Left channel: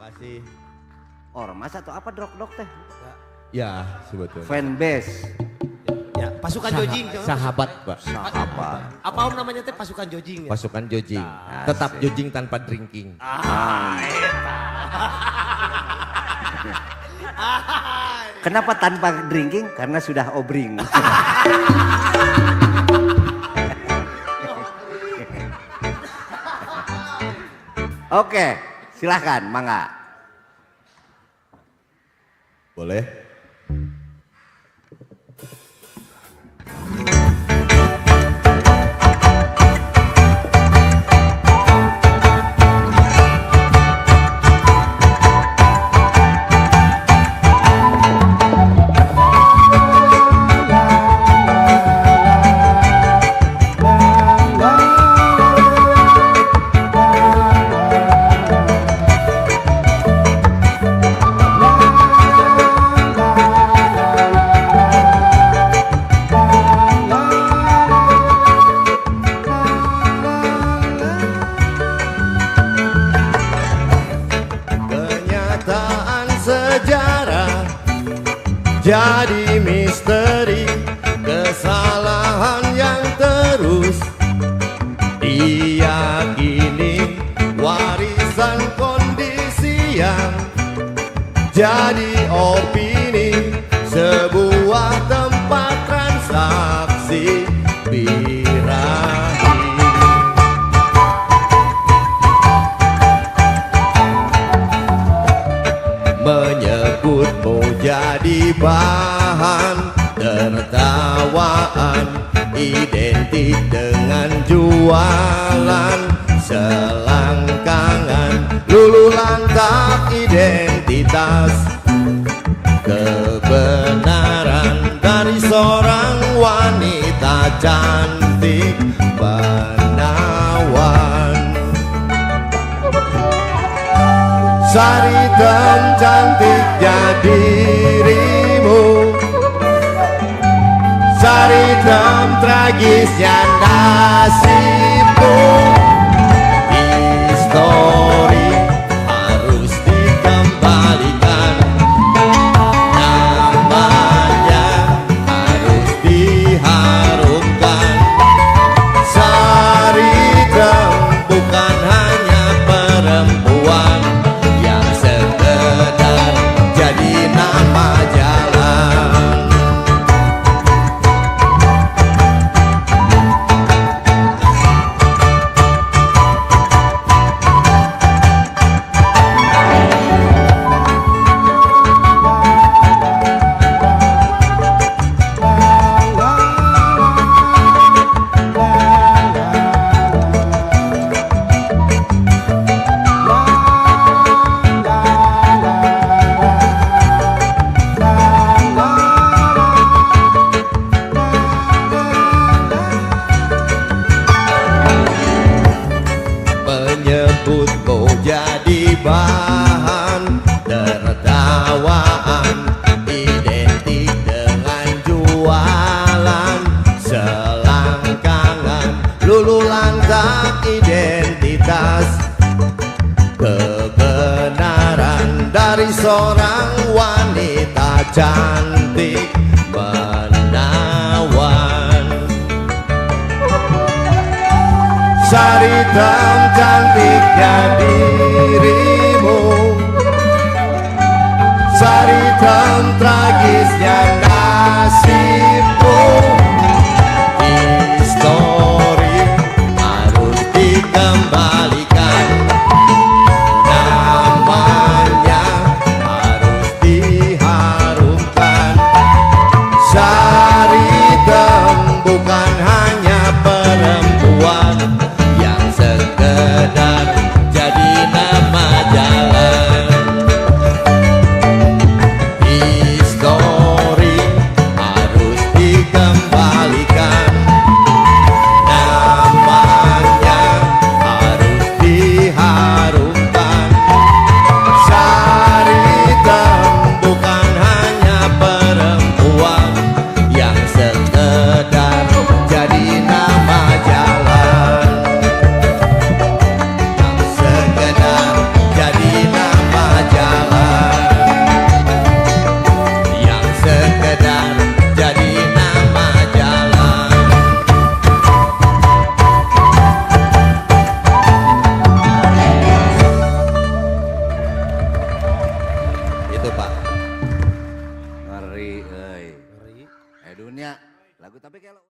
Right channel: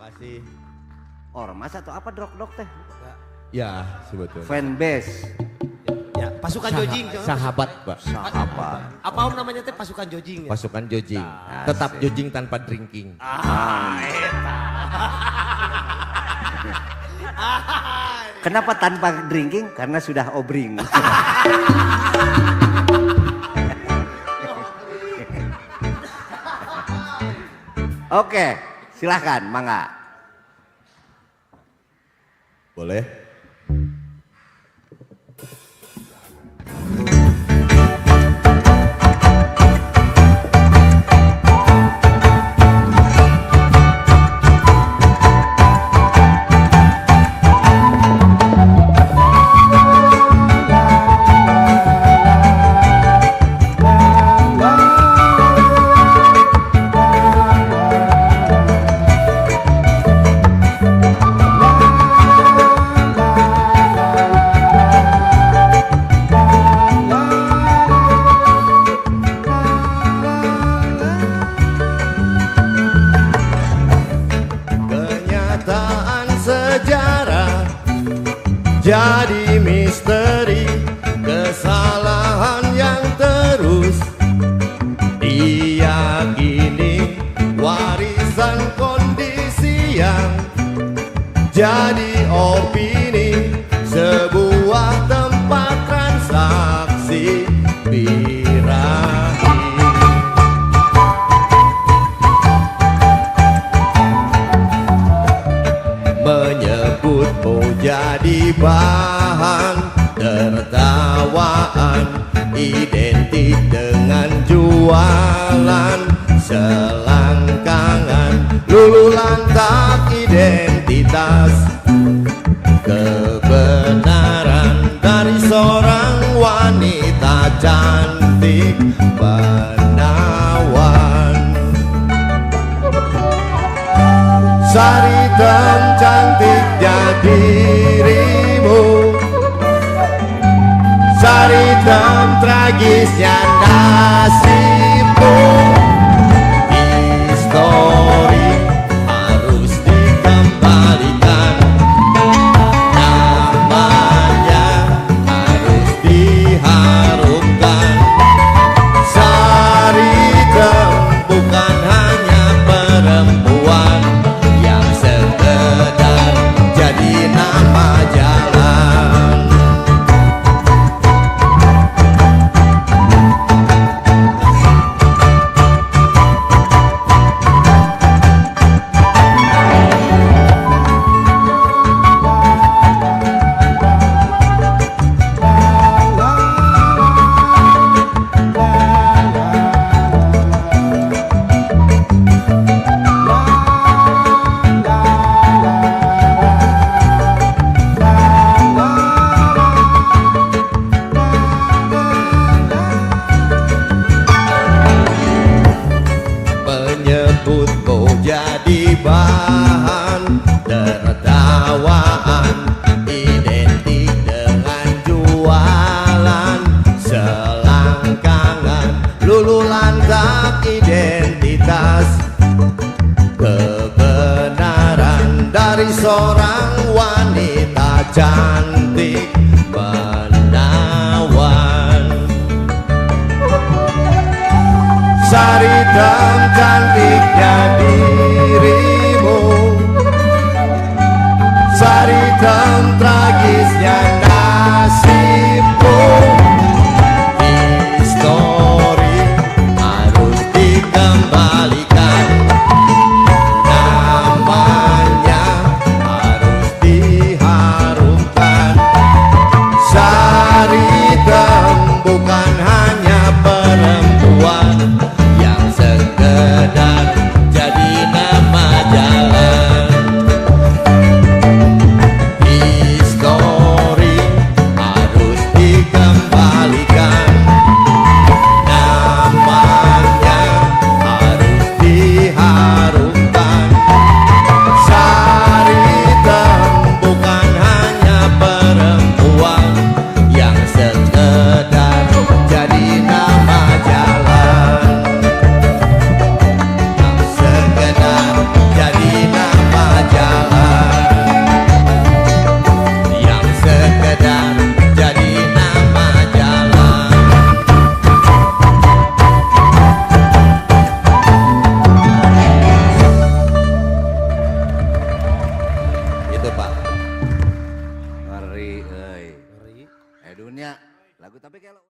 kasih. Ormas atau apa drok-drok teh? Ya, sebetulnya. Fanbase. Ya, pasukan jojing. Sahabat, Pak. Sahabat. Apa om namanya teh pasukan jojing? Ya? Pasukan jojing. Tetap jojing tanpa drinking. Kenapa tanpa drinking? Karena sudah obring. Oke, silahkan, mangga. Boleh? Kenyataan sejarah jadi misteri, kesalahan yang terus diyakini, warisan kondisi yang jadi opini, sebuah tempat transaksi birahi. Menyebutmu jadi bahan tertawaan, identik dengan jualan selangkangan, lulu lantak identitas kebenaran dari seorang wanita cantik menawan. Sari